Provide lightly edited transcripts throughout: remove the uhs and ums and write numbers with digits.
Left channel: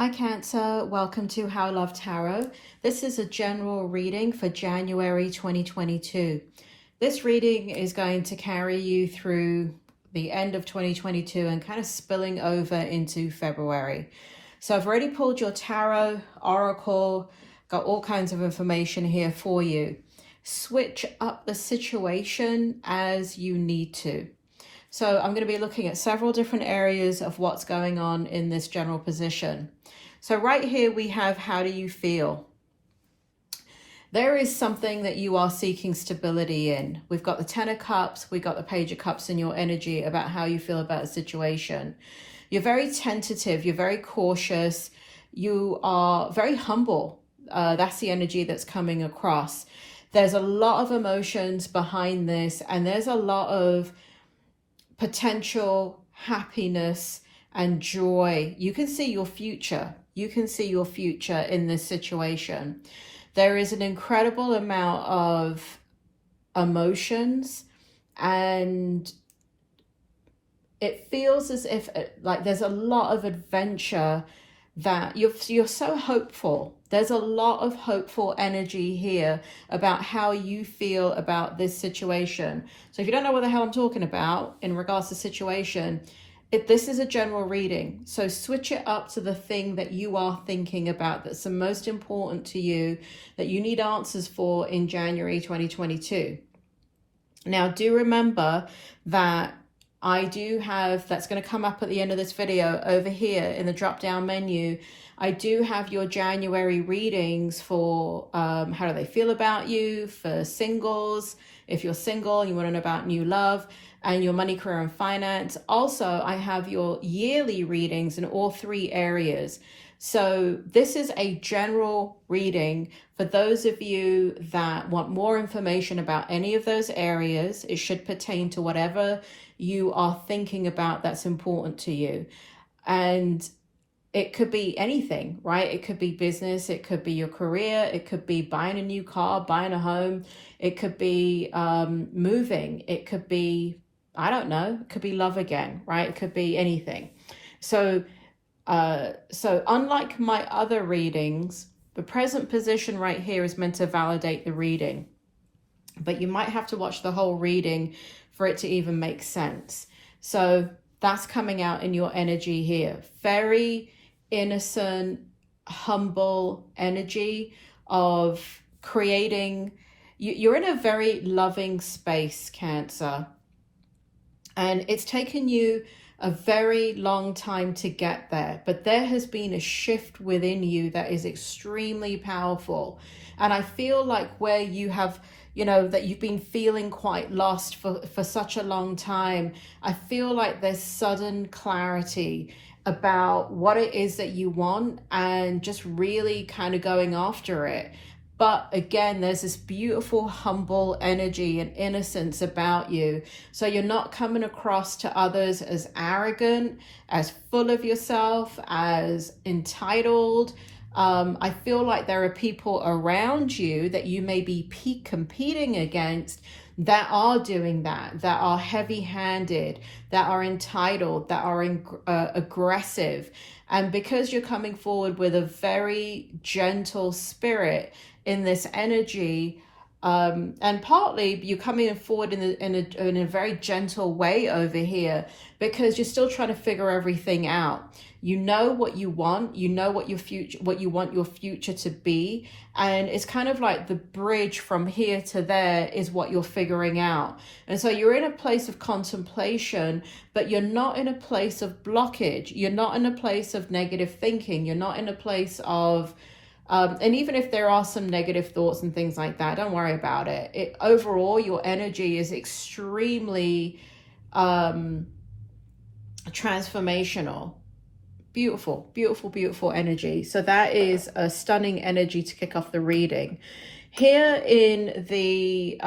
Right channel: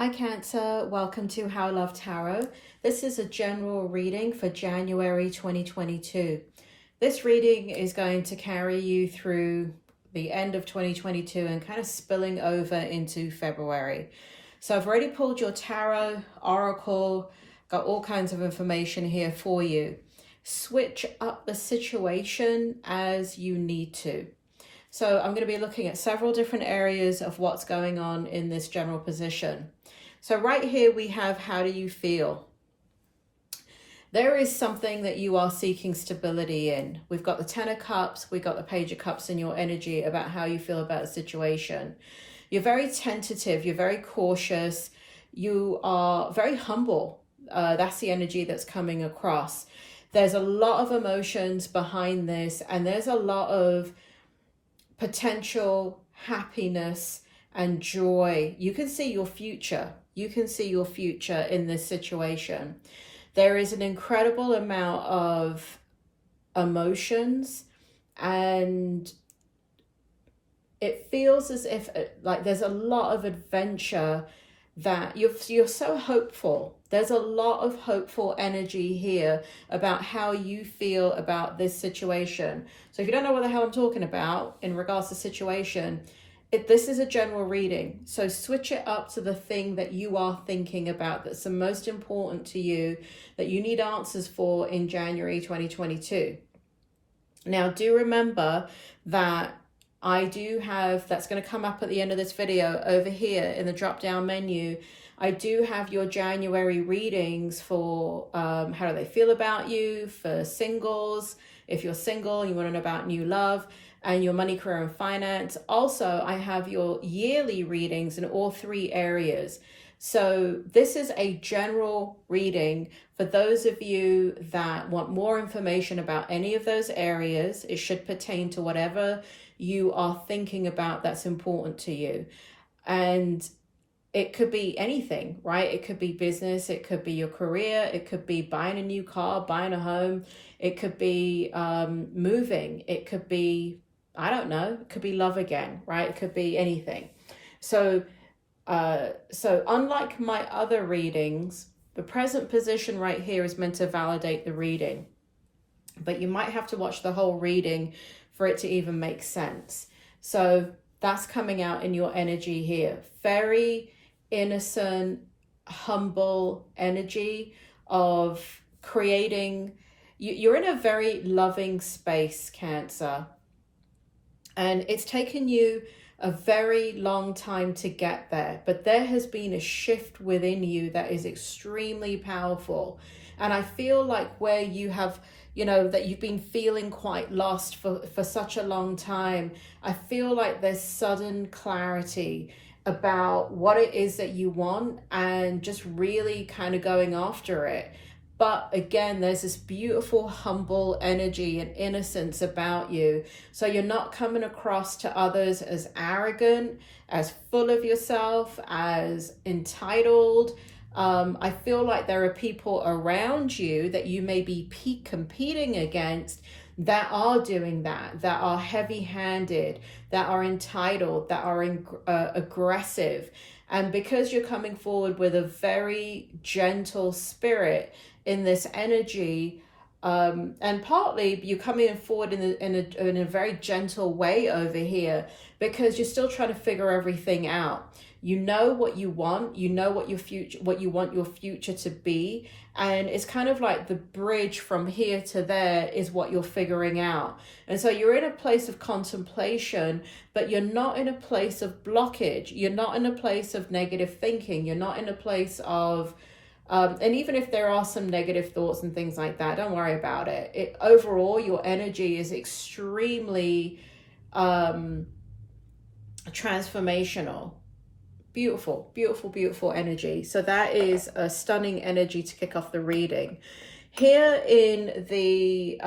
Hi Cancer, welcome to How I Love Tarot. This is a general reading for January 2022. This reading is going to carry you through the end of 2022 and kind of spilling over into February. So I've already pulled your tarot, oracle, got all kinds of information here for you. Switch up the situation as you need to. So I'm going to be looking at several different areas of what's going on in this general position. So right here we have, how do you feel? There is something that you are seeking stability in. We've got the Ten of Cups, we've got the Page of Cups in your energy about how you feel about a situation. You're very tentative, you're very cautious, you are very humble. That's the energy that's coming across. There's a lot of emotions behind this, and there's a lot of potential happiness and joy. You can see your future. You can see your future in this situation. There is an incredible amount of emotions, and it feels as if like there's a lot of adventure, that you're so hopeful. There's a lot of hopeful energy here about how you feel about this situation. So if you don't know what the hell I'm talking about in regards to situation, this is a general reading. So switch it up to the thing that you are thinking about, that's the most important to you, that you need answers for in January 2022. Now, do remember that I do have, that's going to come up at the end of this video over here in the drop down menu. I do have your January readings for how do they feel about you, for singles, if you're single and you want to know about new love, and your money, career, and finance. Also, I have your yearly readings in all three areas. So this is a general reading for those of you that want more information about any of those areas. It should pertain to whatever you are thinking about that's important to you. And it could be anything, right? It could be business, it could be your career, it could be buying a new car, buying a home, it could be moving, it could be, I don't know, it could be love again, right? It could be anything. So unlike my other readings, the present position right here is meant to validate the reading, but you might have to watch the whole reading for it to even make sense. So that's coming out in your energy here. Very innocent, humble energy of creating. You're in a very loving space, Cancer. And it's taken you a very long time to get there, but there has been a shift within you that is extremely powerful. And I feel like where you have, you know, that you've been feeling quite lost for such a long time, I feel like there's sudden clarity about what it is that you want and just really kind of going after it. But again, there's this beautiful, humble energy and innocence about you. So you're not coming across to others as arrogant, as full of yourself, as entitled. I feel like there are people around you that you may be competing against that are doing that are heavy-handed, that are entitled, that are aggressive. And because you're coming forward with a very gentle spirit in this energy, and partly you're coming forward in a very gentle way over here because you're still trying to figure everything out. You know what you want, you know what you want your future to be, and it's kind of like the bridge from here to there is what you're figuring out. And so you're in a place of contemplation, but you're not in a place of blockage. You're not in a place of negative thinking. You're not in a place of and even if there are some negative thoughts and things like that, don't worry about it. Overall, your energy is extremely transformational. Beautiful, beautiful, beautiful energy. So that is a stunning energy to kick off the reading. Here in the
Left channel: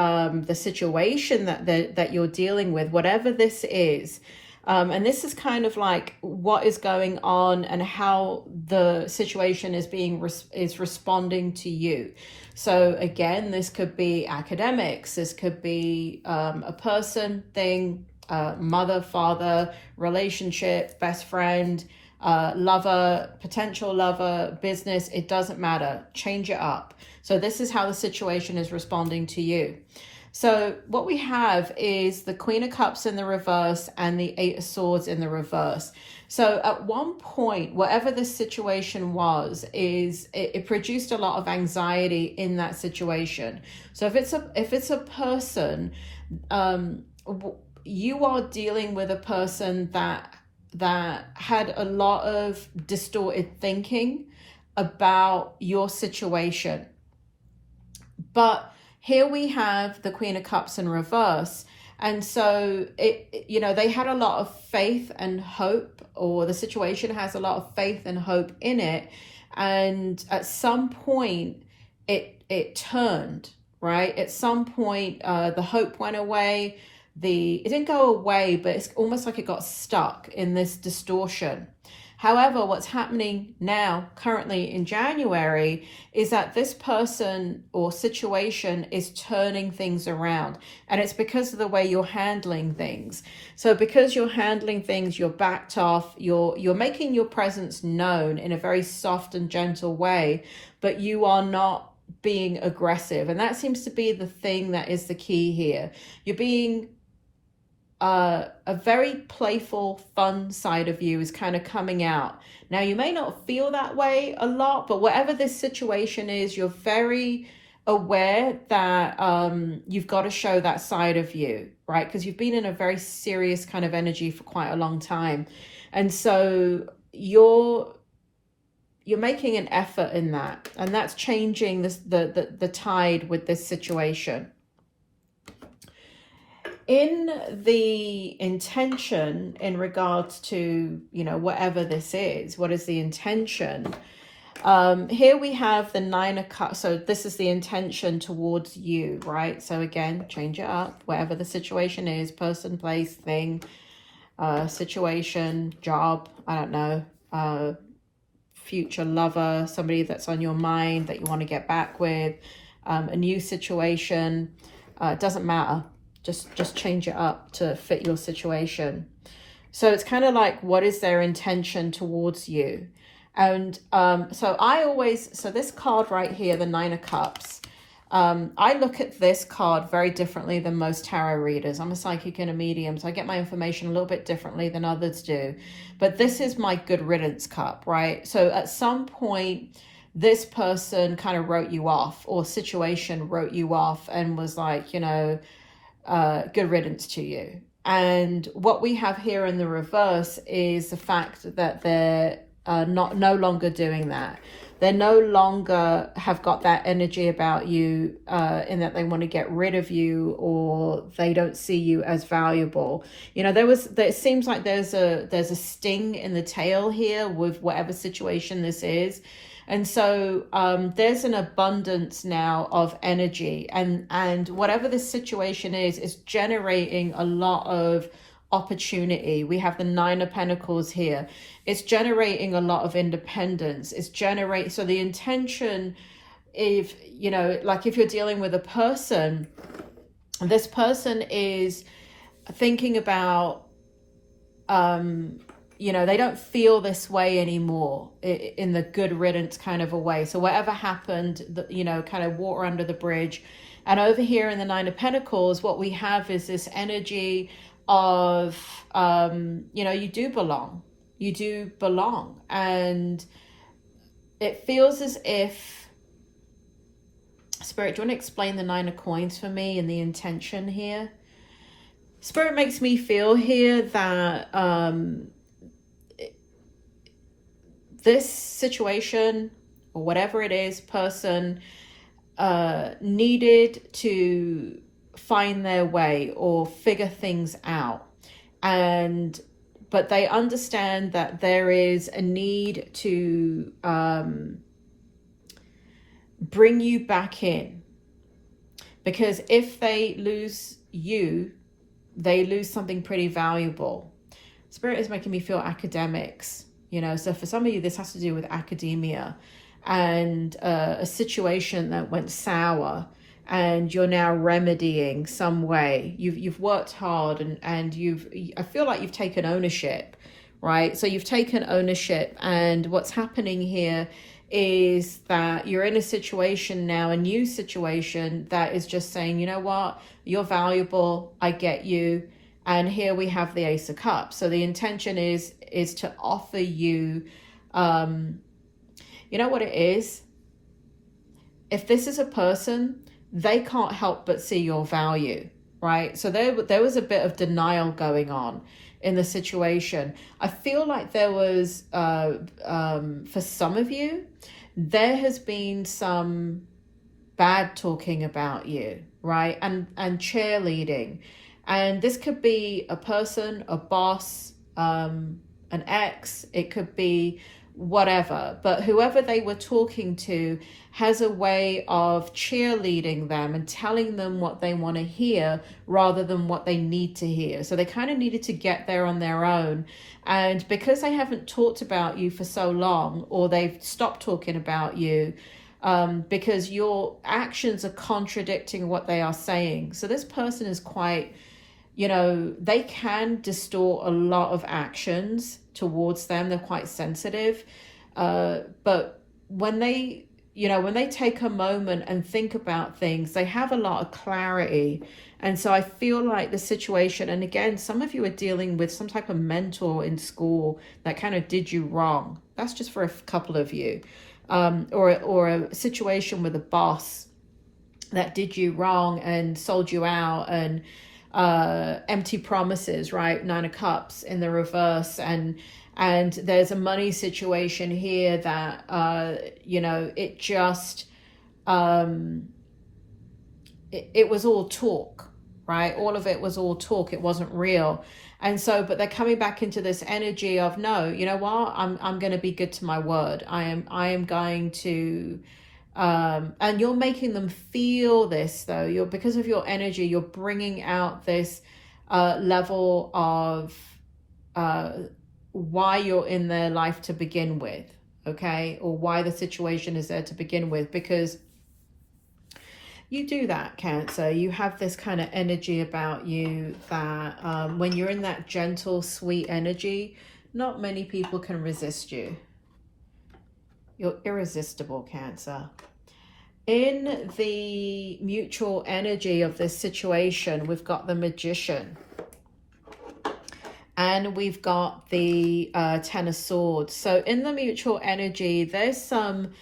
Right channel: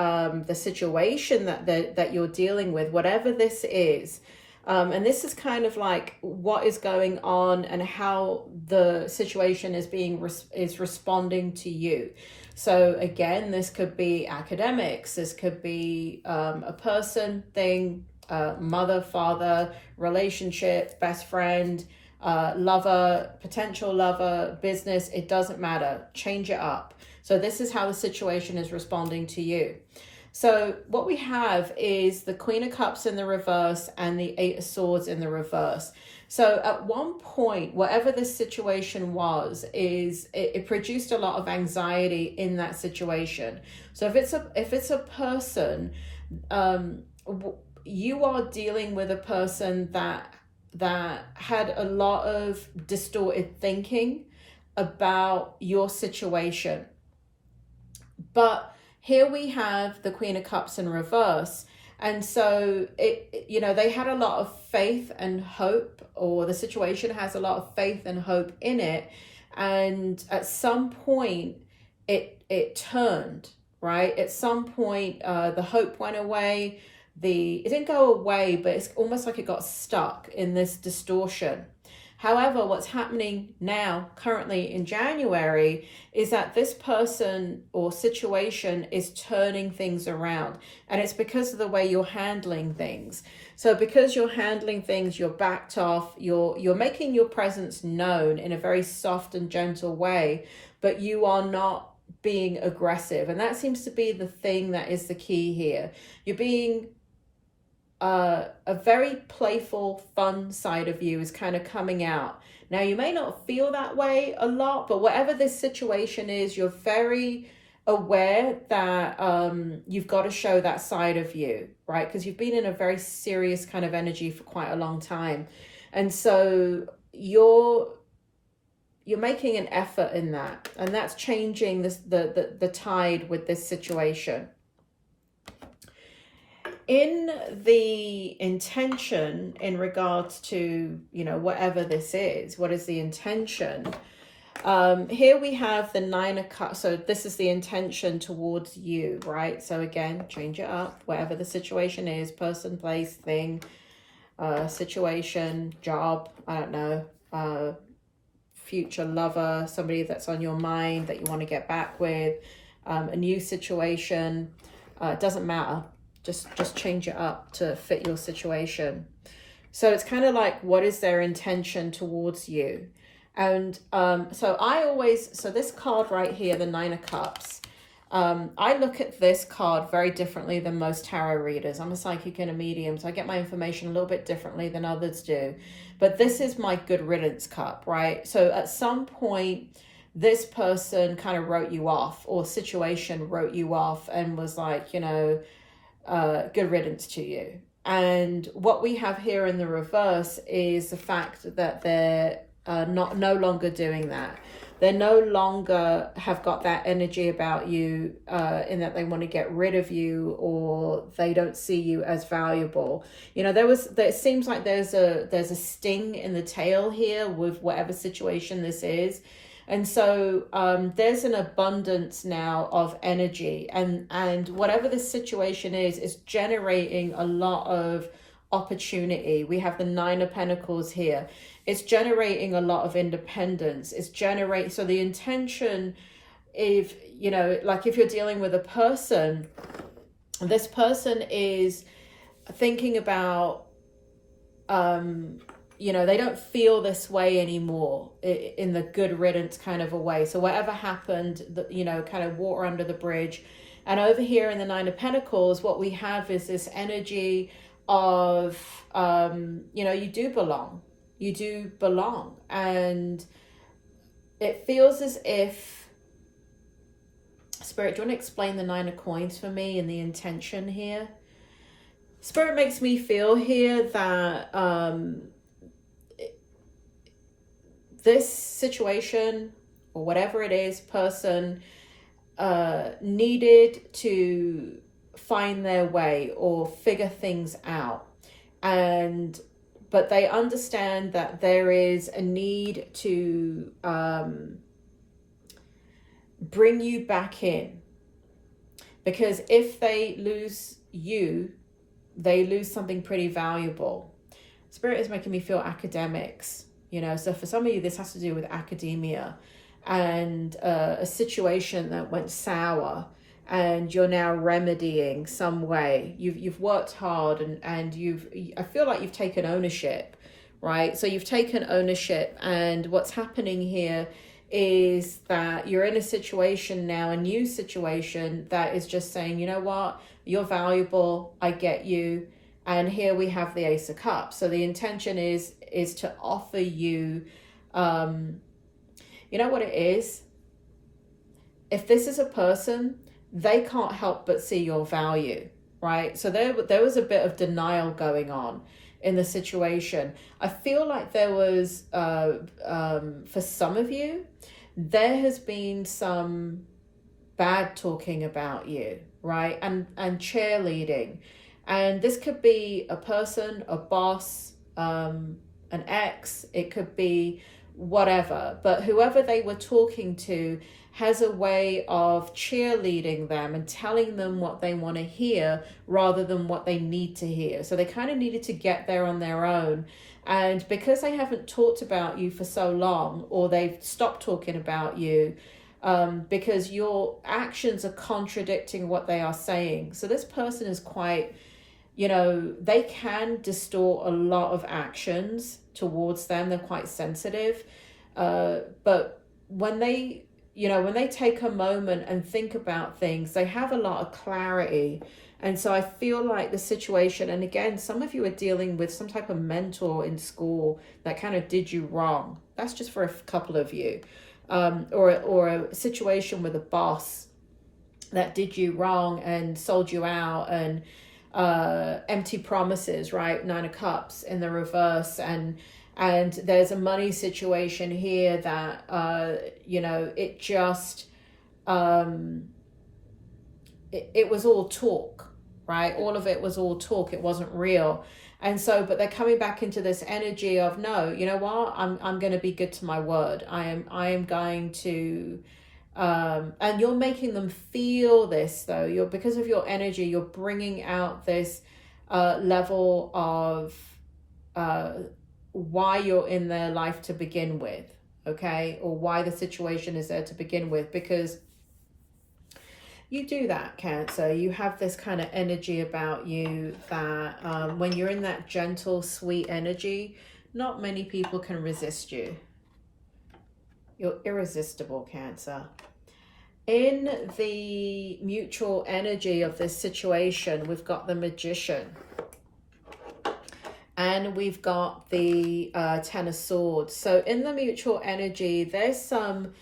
situation that you're dealing with, whatever this is, and this is kind of like what is going on and how the situation is responding to you. So again, this could be academics, this could be a person, thing, mother, father, relationship, best friend, lover, potential lover, business, it doesn't matter. Change it up. So this is how the situation is responding to you. So what we have is the Queen of Cups in the reverse and the Eight of Swords in the reverse. So at one point, whatever this situation was, it produced a lot of anxiety in that situation. So if it's a person, you are dealing with a person that had a lot of distorted thinking about your situation. But here we have the Queen of Cups in reverse. And so, they had a lot of faith and hope, or the situation has a lot of faith and hope in it. And at some point, it turned, right? At some point, the hope went away. It didn't go away, but it's almost like it got stuck in this distortion. However, what's happening now, currently in January, is that this person or situation is turning things around. And it's because of the way you're handling things. So because you're handling things, you're backed off, you're making your presence known in a very soft and gentle way, but you are not being aggressive. And that seems to be the thing that is the key here. You're being a very playful, fun side of you is kind of coming out. Now, you may not feel that way a lot, but whatever this situation is, you're very aware that you've got to show that side of you, right? Because you've been in a very serious kind of energy for quite a long time. And so you're making an effort in that, and that's changing the tide with this situation. In the intention in regards to, whatever this is, what is the intention? Here we have the Nine of Cups. So this is the intention towards you, right? So again, change it up. Whatever the situation is, person, place, thing, situation, job, I don't know, future lover, somebody that's on your mind that you want to get back with, a new situation, it doesn't matter. Just change it up to fit your situation. So it's kind of like, what is their intention towards you? And so this card right here, the Nine of Cups, I look at this card very differently than most tarot readers. I'm a psychic and a medium, so I get my information a little bit differently than others do. But this is my good riddance cup, right? So at some point, this person kind of wrote you off, or situation wrote you off and was like, good riddance to you. And what we have here in the reverse is the fact that they're no longer doing that. They no longer have got that energy about you, in that they want to get rid of you, or they don't see you as valuable. It seems like there's a sting in the tail here with whatever situation this is. And so there's an abundance now of energy, and whatever this situation is generating a lot of opportunity. We have the Nine of Pentacles here. It's generating a lot of independence. So the intention, if you're dealing with a person, this person is thinking about, they don't feel this way anymore in the good riddance kind of a way. So whatever happened, kind of water under the bridge. And over here in the Nine of Pentacles, what we have is this energy of, you do belong. You do belong. And it feels as if, Spirit, do you want to explain the Nine of Coins for me and the intention here? Spirit makes me feel here that this situation, or whatever it is, person needed to find their way or figure things out. But they understand that there is a need to bring you back in. Because if they lose you, they lose something pretty valuable. Spirit is making me feel academics. So for some of you, this has to do with academia and a situation that went sour, and you're now remedying some way. You've worked hard, and I feel like you've taken ownership, right? So you've taken ownership, and what's happening here is that you're in a situation now, a new situation that is just saying, you know what, you're valuable, I get you. And here we have the Ace of Cups. So the intention is to offer you, you know what it is? If this is a person, they can't help but see your value, right? So there was a bit of denial going on in the situation. I feel like there was, for some of you, there has been some bad talking about you, right? And cheerleading. And this could be a person, a boss, an ex, it could be whatever. But whoever they were talking to has a way of cheerleading them and telling them what they want to hear rather than what they need to hear. So they kind of needed to get there on their own. And because they haven't talked about you for so long, or they've stopped talking about you, because your actions are contradicting what they are saying. So this person is quite, you know, they can distort a lot of actions towards them. They're quite sensitive. But when they, you know, when they take a moment and think about things, they have a lot of clarity. And so I feel like the situation, and again, some of you are dealing with some type of mentor in school that kind of did you wrong. That's just for a couple of you. Or a situation with a boss that did you wrong and sold you out, and empty promises, right? 9 of Cups in the reverse. And there's a money situation here that, you know, it just, it was all talk, right? All of it was all talk. It wasn't real. And so, but they're coming back into this energy of, no, you know what? I'm going to be good to my word. I am going to, and you're making them feel this though. You're, because of your energy, you're bringing out this, level of, why you're in their life to begin with, okay? Or why the situation is there to begin with, because you do that, Cancer. You have this kind of energy about you that when you're in that gentle, sweet energy, not many people can resist you. You're irresistible, Cancer. In the mutual energy of this situation, we've got the Magician. And we've got the Ten of Swords. So in the mutual energy, there's some,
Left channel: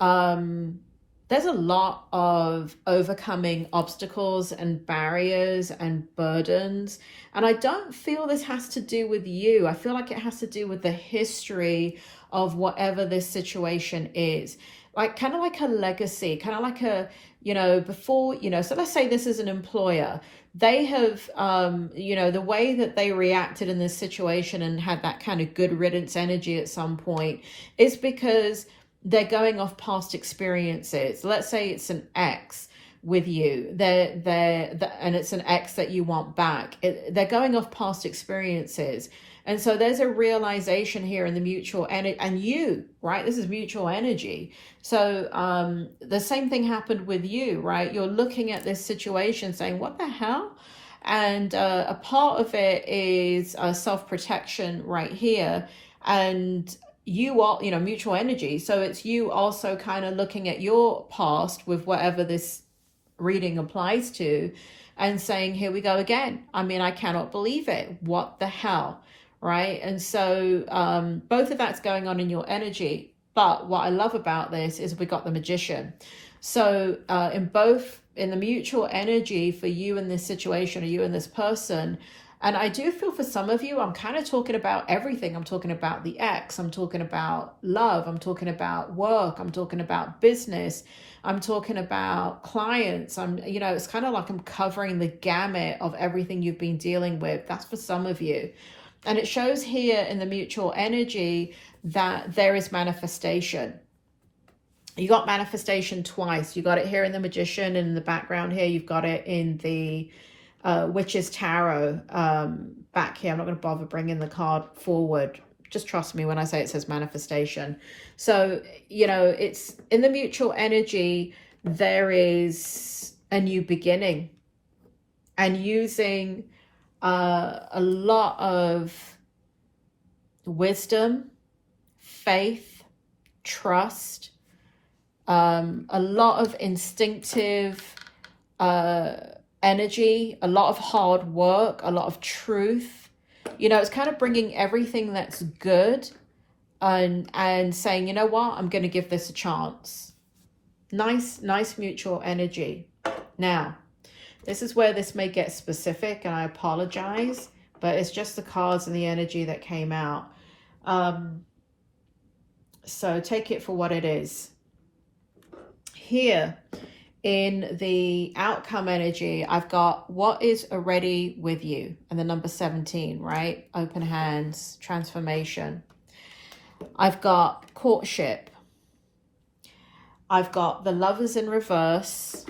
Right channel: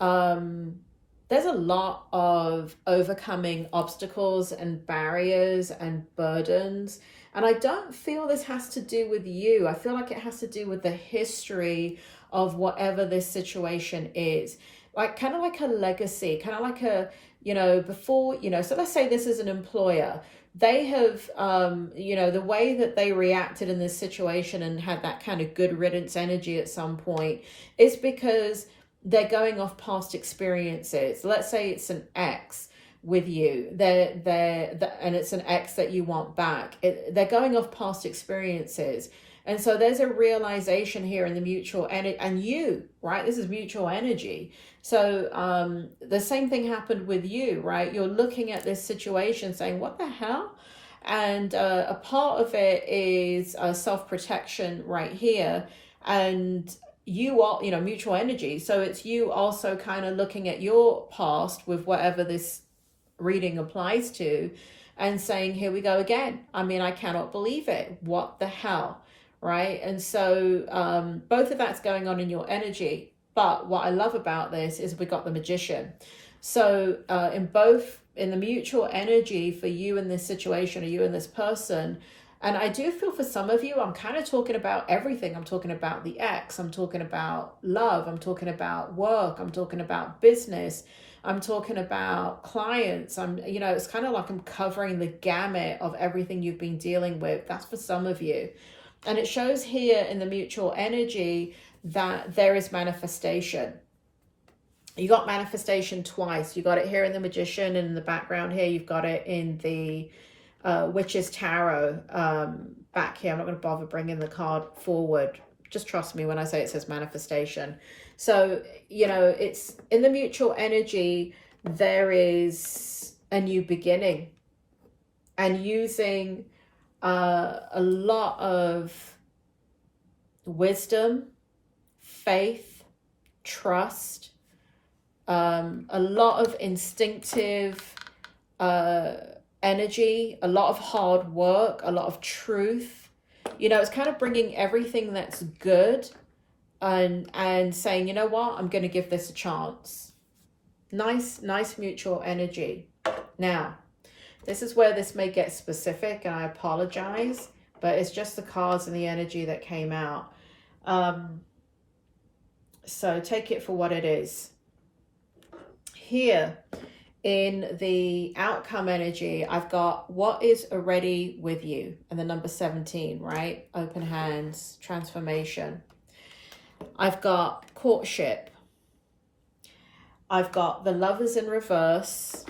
there's a lot of overcoming obstacles and barriers and burdens. And I don't feel this has to do with you. I feel like it has to do with the history of whatever this situation is. Like kind of like a legacy, kind of like a, you know, before, you know, so let's say this is an employer. They have, you know, the way that they reacted in this situation and had that kind of good riddance energy at some point is because they're going off past experiences. Let's say it's an ex with you, and it's an ex that you want back. They're going off past experiences. And so there's a realization here in the mutual energy, and you, right? This is mutual energy. So the same thing happened with you, right? You're looking at this situation saying, what the hell? And a part of it is self-protection right here. And you are, you know, mutual energy. So it's you also kind of looking at your past with whatever this reading applies to and saying, here we go again. I mean, I cannot believe it. What the hell? Right? And so both of that's going on in your energy. But what I love about this is we got the Magician. So in the mutual energy for you in this situation, or you and this person, and I do feel for some of you, I'm kind of talking about everything. I'm talking about the ex, I'm talking about love, I'm talking about work, I'm talking about business, I'm talking about clients. You know, it's kind of like I'm covering the gamut of everything you've been dealing with. That's for some of you. And it shows here in the mutual energy that there is manifestation. You got manifestation twice. You got it here in the Magician, and in the background here, you've got it in the Witch's Tarot back here. I'm not going to bother bringing the card forward. Just trust me when I say it says manifestation. So, you know, it's in the mutual energy, there is a new beginning. And using a lot of wisdom, faith, trust, a lot of instinctive energy, a lot of hard work, a lot of truth. You know, it's kind of bringing everything that's good and saying, you know what, I'm going to give this a chance. Nice mutual energy. Now, this is where this may get specific, and I apologize, but it's just the cards and the energy that came out. So take it for what it is. Here in the outcome energy, I've got what is already with you, and the number 17, right? Open hands, transformation. I've got courtship. I've got the Lovers in reverse.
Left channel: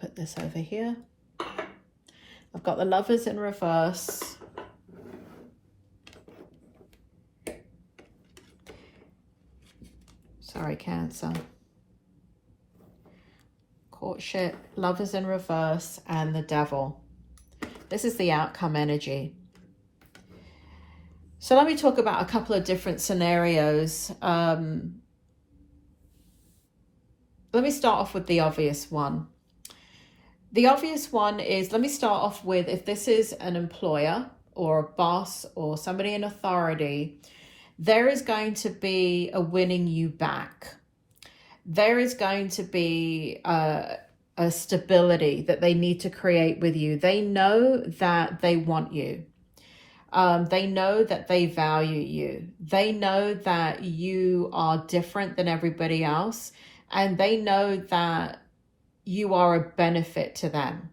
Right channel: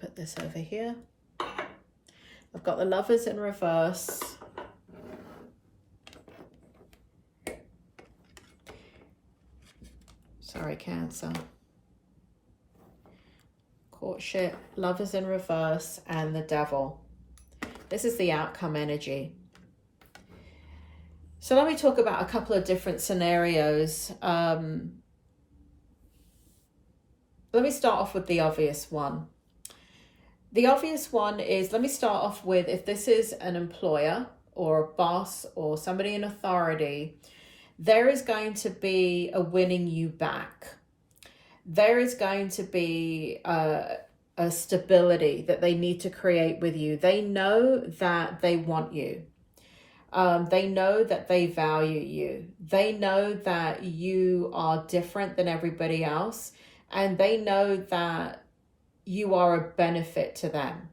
Put this over here. I've got the Lovers in reverse. Sorry, Cancer. Courtship, Lovers in reverse, and the Devil. This is the outcome energy. So let me talk about a couple of different scenarios. Let me start off with the obvious one. The obvious one is, let me start off with, if this is an employer or a boss or somebody in authority, there is going to be a winning you back. There is going to be a stability that they need to create with you. They know that they want you. They know that they value you. They know that you are different than everybody else. And they know that you are a benefit to them.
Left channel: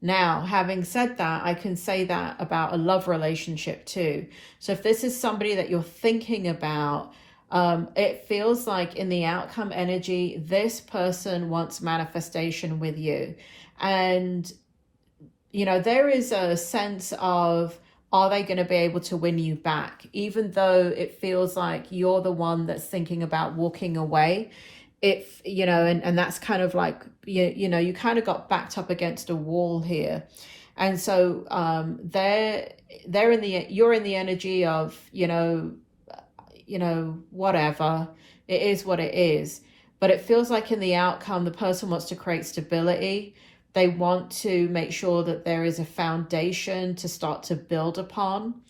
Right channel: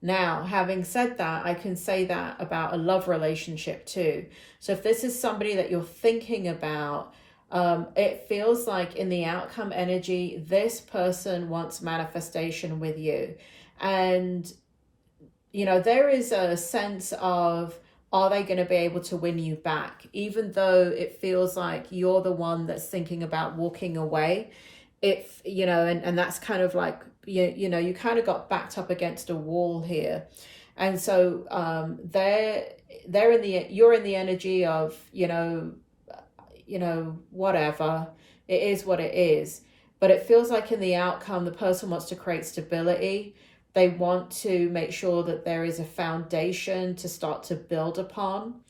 Now, having said that, I can say that about a love relationship too. So if this is somebody that you're thinking about, it feels like in the outcome energy, this person wants manifestation with you. And, you know, there is a sense of, are they going to be able to win you back? Even though it feels like you're the one that's thinking about walking away. If, you know, and that's kind of like, you know, you kind of got backed up against a wall here. And so you're in the energy of, you know, whatever, it is what it is. But it feels like in the outcome, the person wants to create stability. They want to make sure that there is a foundation to start to build upon.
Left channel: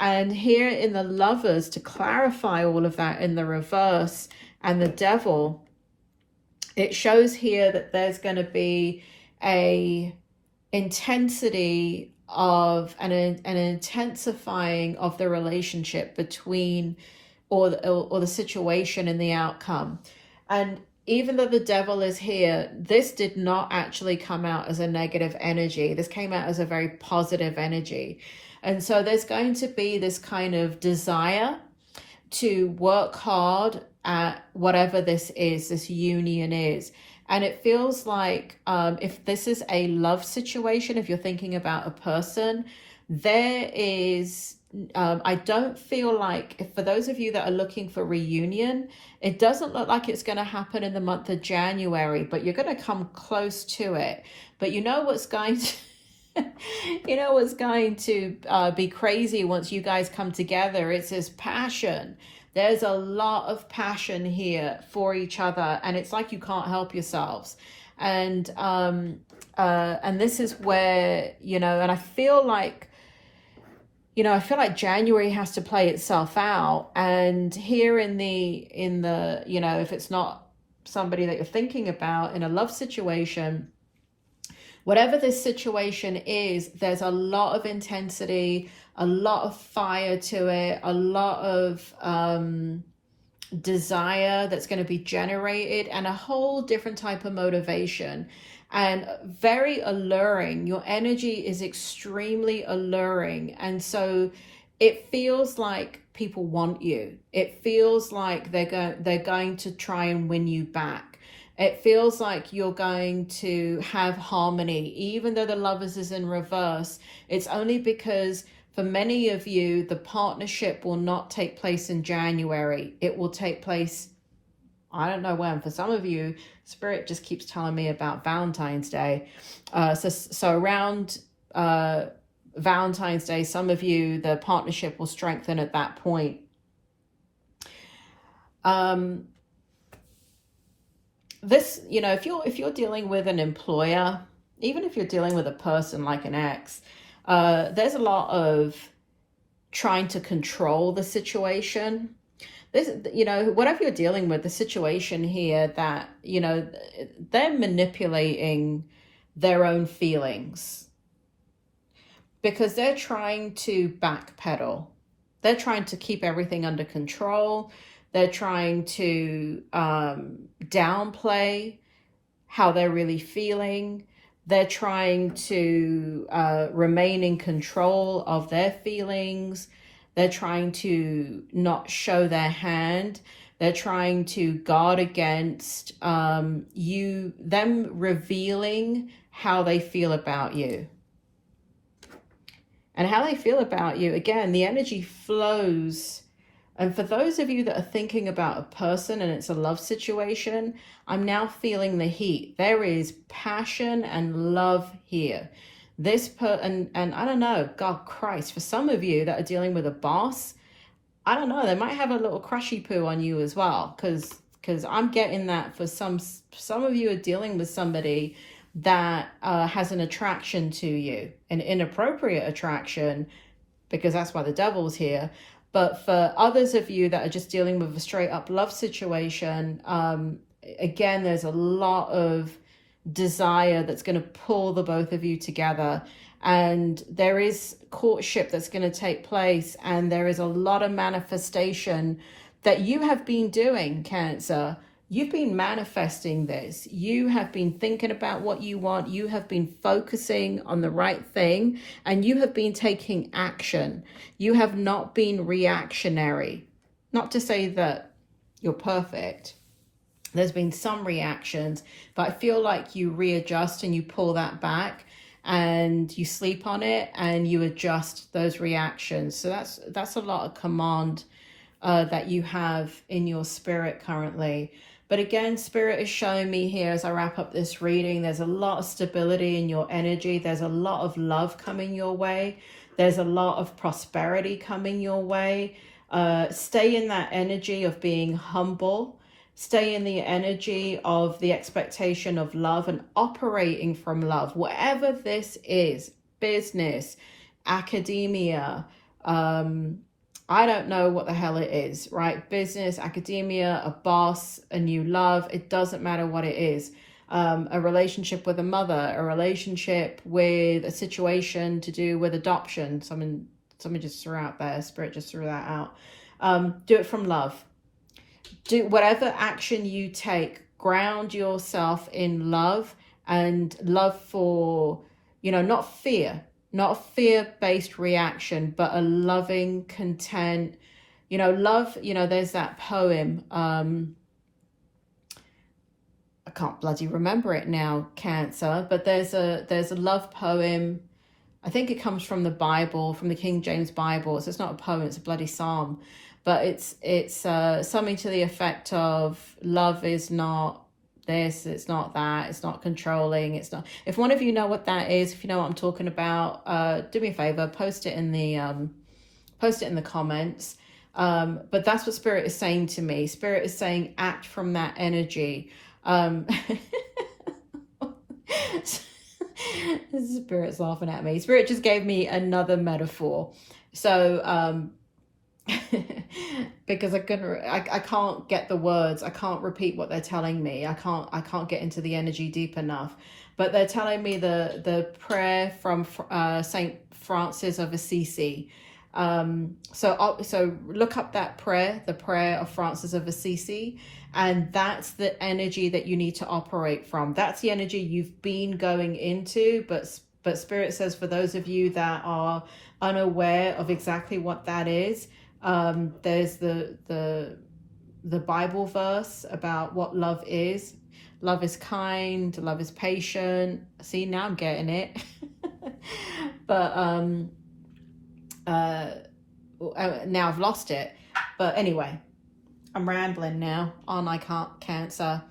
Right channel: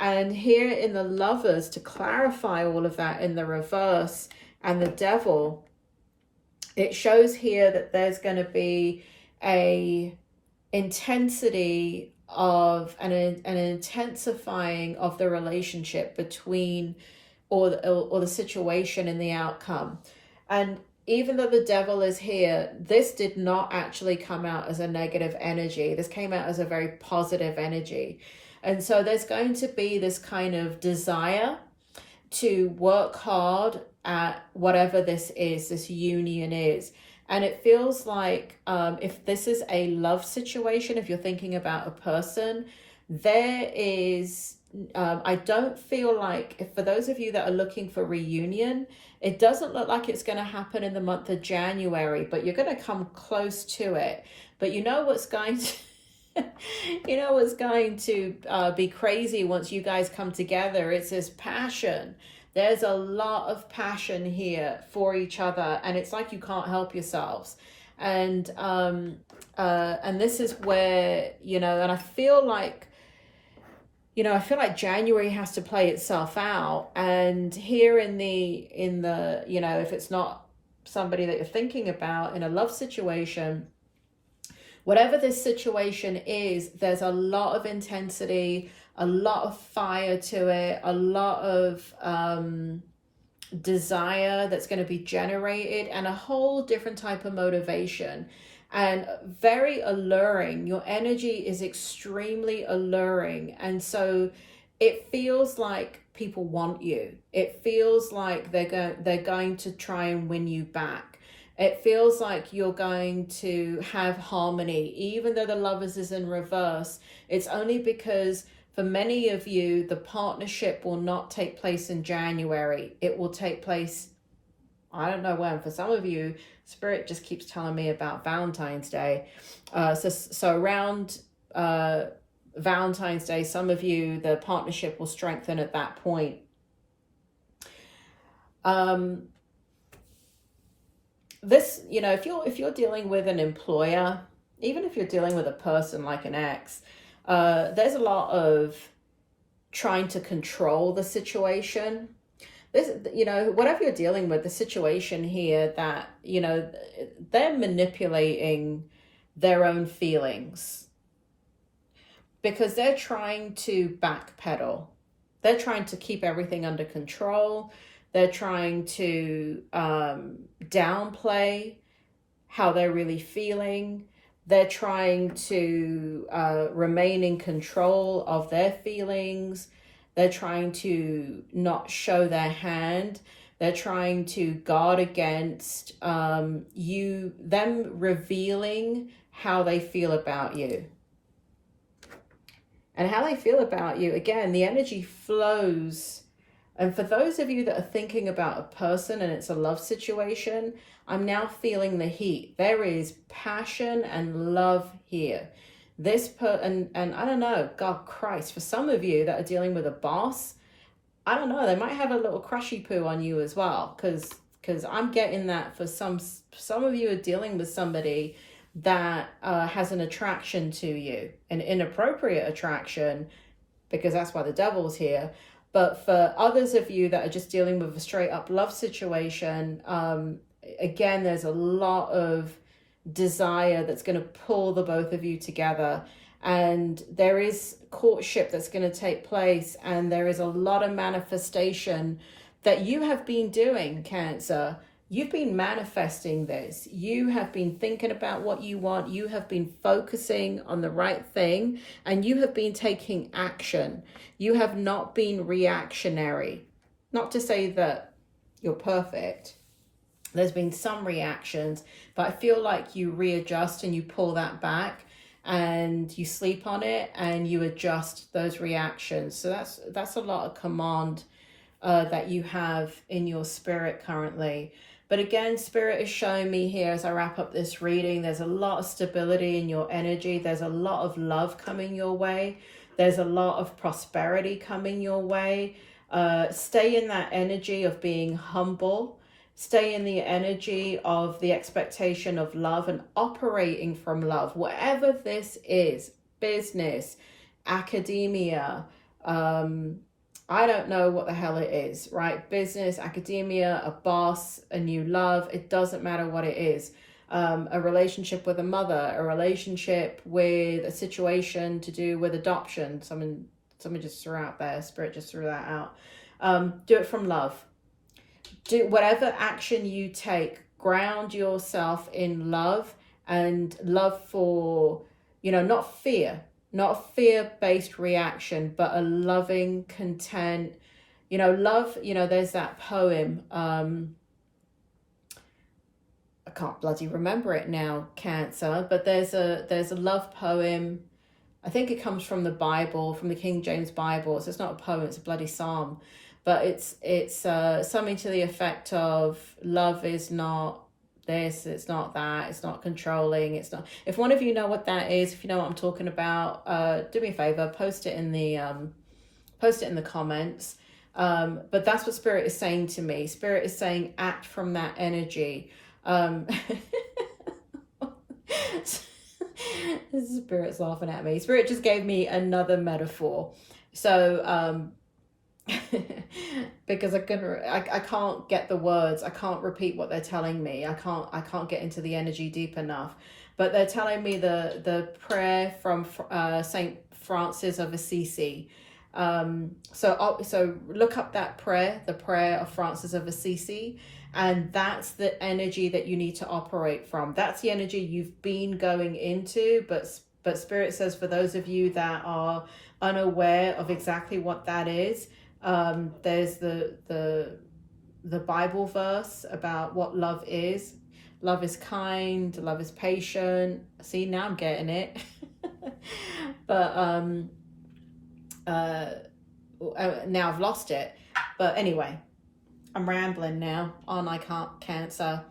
And here in the Lovers, to clarify all of that in the reverse, and the Devil, it shows here that there's going to be a intensity of an intensifying of the relationship between or the situation and the outcome. And even though the Devil is here, this did not actually come out as a negative energy. This came out as a very positive energy. And so there's going to be this kind of desire to work hard at whatever this is, this union is. And it feels like if this is a love situation, if you're thinking about a person, there is, I don't feel like, for those of you that are looking for reunion, it doesn't look like it's going to happen in the month of January, but you're going to come close to it. But you know what's going to... you know what's going to be crazy once you guys come together? It's this passion. There's a lot of passion here for each other, and it's like you can't help yourselves. And this is where, you know, and I feel like, you know, I feel like January has to play itself out. And here in the, you know, if it's not somebody that you're thinking about in a love situation, whatever this situation is, there's a lot of intensity, a lot of fire to it, a lot of desire that's going to be generated, and a whole different type of motivation. And very alluring. Your energy is extremely alluring. And so it feels like people want you. It feels like they're going to try and win you back. It feels like you're going to have harmony. Even though the Lovers is in reverse, it's only because for many of you, the partnership will not take place in January. It will take place, I don't know when. For some of you, Spirit just keeps telling me about Valentine's Day. So around Valentine's Day, some of you, the partnership will strengthen at that point. This, you know, if you're dealing with an employer, even if you're dealing with a person like an ex, there's a lot of trying to control the situation. This, you know, whatever you're dealing with, the situation here that, you know, they're manipulating their own feelings because they're trying to backpedal. They're trying to keep everything under control. They're trying to downplay how they're really feeling. They're trying to remain in control of their feelings. They're trying to not show their hand. They're trying to guard against them revealing how they feel about you. And how they feel about you, again, the energy flows. And for those of you that are thinking about a person and it's a love situation, I'm now feeling the heat. There is passion and love here. And I don't know, God Christ, for some of you that are dealing with a boss, I don't know, they might have a little crushy poo on you as well, because I'm getting that for some of you are dealing with somebody that has an attraction to you, an inappropriate attraction, because that's why the devil's here. But for others of you that are just dealing with a straight up love situation, again, there's a lot of desire that's going to pull the both of you together. And there is courtship that's going to take place. And there is a lot of manifestation that you have been doing, Cancer. You've been manifesting this. You have been thinking about what you want. You have been focusing on the right thing, and you have been taking action. You have not been reactionary. Not to say that you're perfect. There's been some reactions, but I feel like you readjust and you pull that back and you sleep on it and you adjust those reactions. So that's a lot of command that you have in your spirit currently. But again, Spirit is showing me here as I wrap up this reading, there's a lot of stability in your energy. There's a lot of love coming your way. There's a lot of prosperity coming your way. Stay in that energy of being humble. Stay in the energy of the expectation of love and operating from love. Whatever this is, business, academia, I don't know what the hell it is, right? Business, academia, a boss, a new love, it doesn't matter what it is. A relationship with a mother, a relationship with a situation to do with adoption. Someone just threw out there, Spirit just threw that out. Do it from love. Do whatever action you take, ground yourself in love, and love for, you know, not fear. Not a fear-based reaction, but a loving, content, you know, love. You know, there's that poem. I can't bloody remember it now, Cancer, but there's a love poem. I think it comes from the Bible, from the King James Bible. So it's not a poem, it's a bloody psalm. But it's something to the effect of love is not this, it's not that, it's not controlling, it's not. If one of you know what that is, if you know what I'm talking about, do me a favor, post it in the comments. But that's what Spirit is saying to me. Spirit is saying act from that energy. Spirit's laughing at me. Spirit just gave me another metaphor. So because I can't get the words, I can't repeat what they're telling me, I can't get into the energy deep enough, but they're telling me the prayer from Saint Francis of Assisi. So look up that prayer, the prayer of Francis of Assisi, and that's the energy that you need to operate from. That's the energy you've been going into, but Spirit says for those of you that are unaware of exactly what that is, there's the Bible verse about what love is. Love is kind, love is patient. See, now I'm getting it. But now I've lost it. But anyway, I'm rambling now, aren't I, Cancer?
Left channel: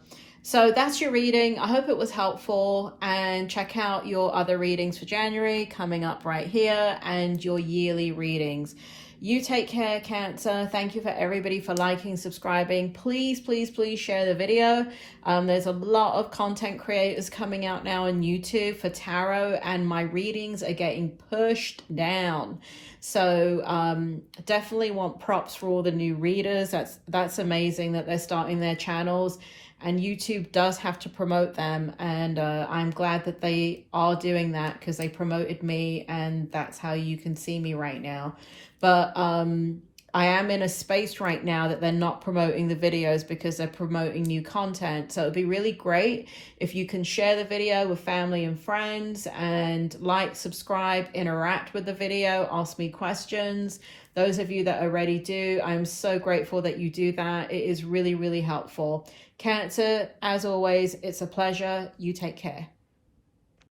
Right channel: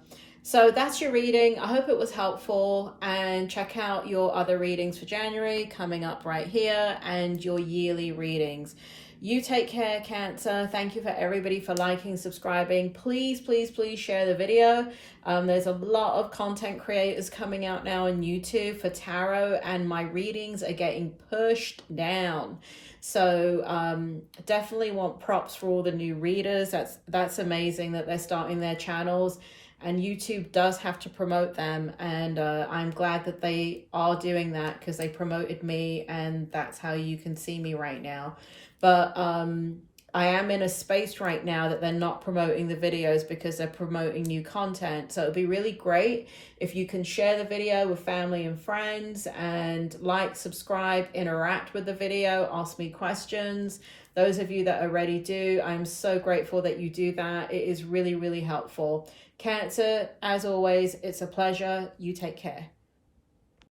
So that's your reading. I hope it was helpful, and check out your other readings for January coming up right here, and your yearly readings. You take care, Cancer. Thank you for everybody for liking, subscribing. Please, please, please share the video. There's a lot of content creators coming out now on YouTube for tarot, and my readings are getting pushed down. So definitely want props for all the new readers. That's amazing that they're starting their channels, and YouTube does have to promote them, and I'm glad that they are doing that, because they promoted me, and that's how you can see me right now. But I am in a space right now that they're not promoting the videos because they're promoting new content. So it'd be really great if you can share the video with family and friends, and like, subscribe, interact with the video, ask me questions. Those of you that already do, I'm so grateful that you do that. It is really, really helpful. Cancer, as always, it's a pleasure. You take care.